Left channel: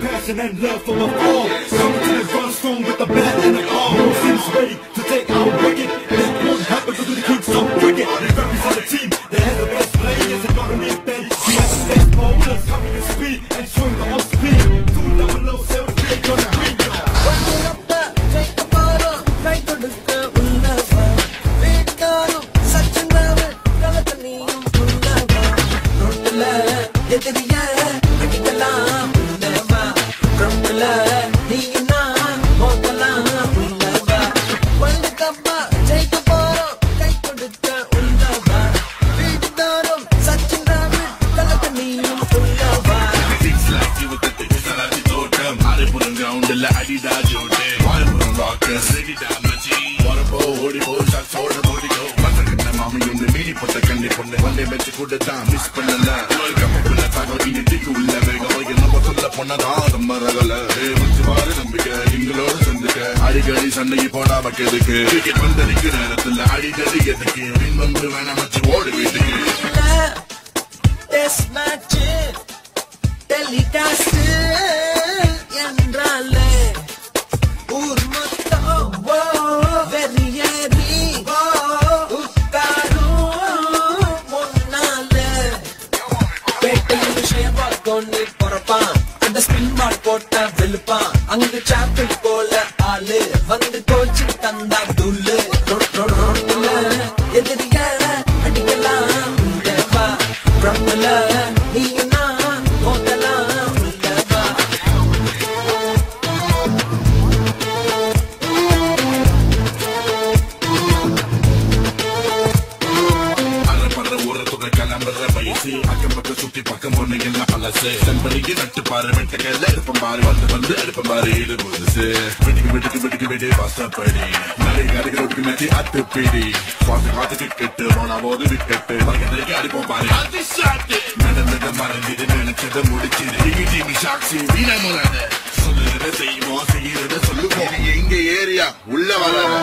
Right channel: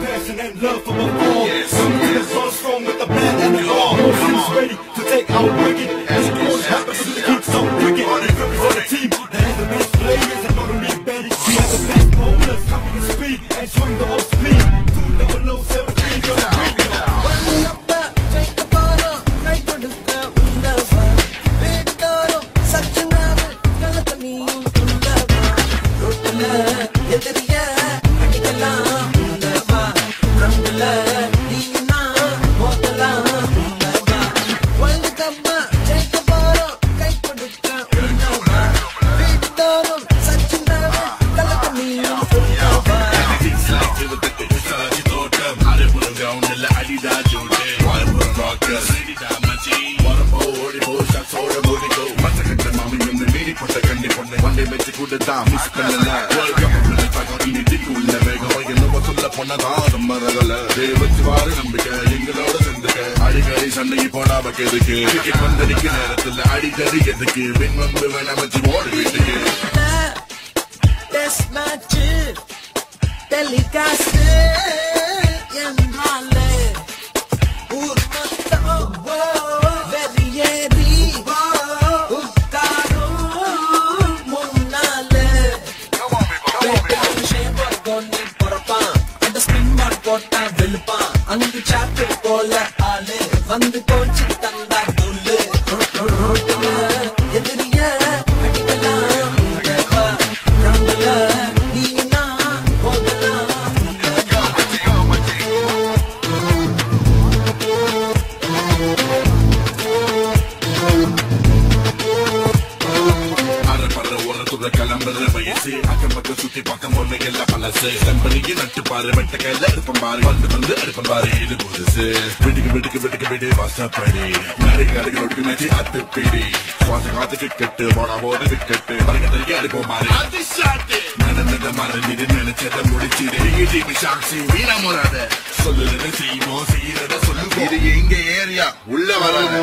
passion and love for my fall. Coming to the run strong with the bat and the arm. Seems ready to take our wicket. And it won't happen because we keep so wicked. They represent a team that has the best players and don't need bend. We have the best bowlers, coming with speed and swing the off speed. 2017 to the green. அடிக்கடி சண்டைக்கு போடாம எதுக்கு cricket வந்தடிக்க நேரத்தில் அடிக்கடி எதுக்கு பின் வந்து வேணா மச்சி ஓடி வீட்டுக்கு டெஸ்ட் மேட்ச் டெலிகாஸ்ட் என்றாலே ஊர் மொத்தம் வெறியேறி உட்காரும் முன்னாலே கொண்டு பொறப்பான் அந்த ஸ்பின் மார்க் போட்டா விழுப்பான் அங்கு சாப்பிள் போல ஆளு வந்து கோச்சு தந்தா துள்ளு ரோட்டுல எதிரிய அடிக்கலாம் பிரம்பல நீ போதலாம் கிளம்புற வயசு அக்கம் பக்கம் சுத்தி பக்கம் ஒண்ணு எல்லாம் பழசு கம்பெனிக்கு நட்டு பாரு வெட்டக்கையில எடுப்பம் பாரு வந்து எடுப்பம் பாரு இது புதுசு விட்டுக்கு விடு வாசப்படி நிறைய கடைகளுக்கு மேட்சி அத்துப்பிடி காத்து விக்கெட்டு போனா போது விக்கெட்டு அடிப்போம் பாரு நடந்தத மறந்துட்டு நினைச்சத முடிச்சிடு சாட்சி வீணா முறாத சொல்லுறது செய்வோம் செய்யறத சொல்லு இது எங்க ஏரியா உள்ள வராத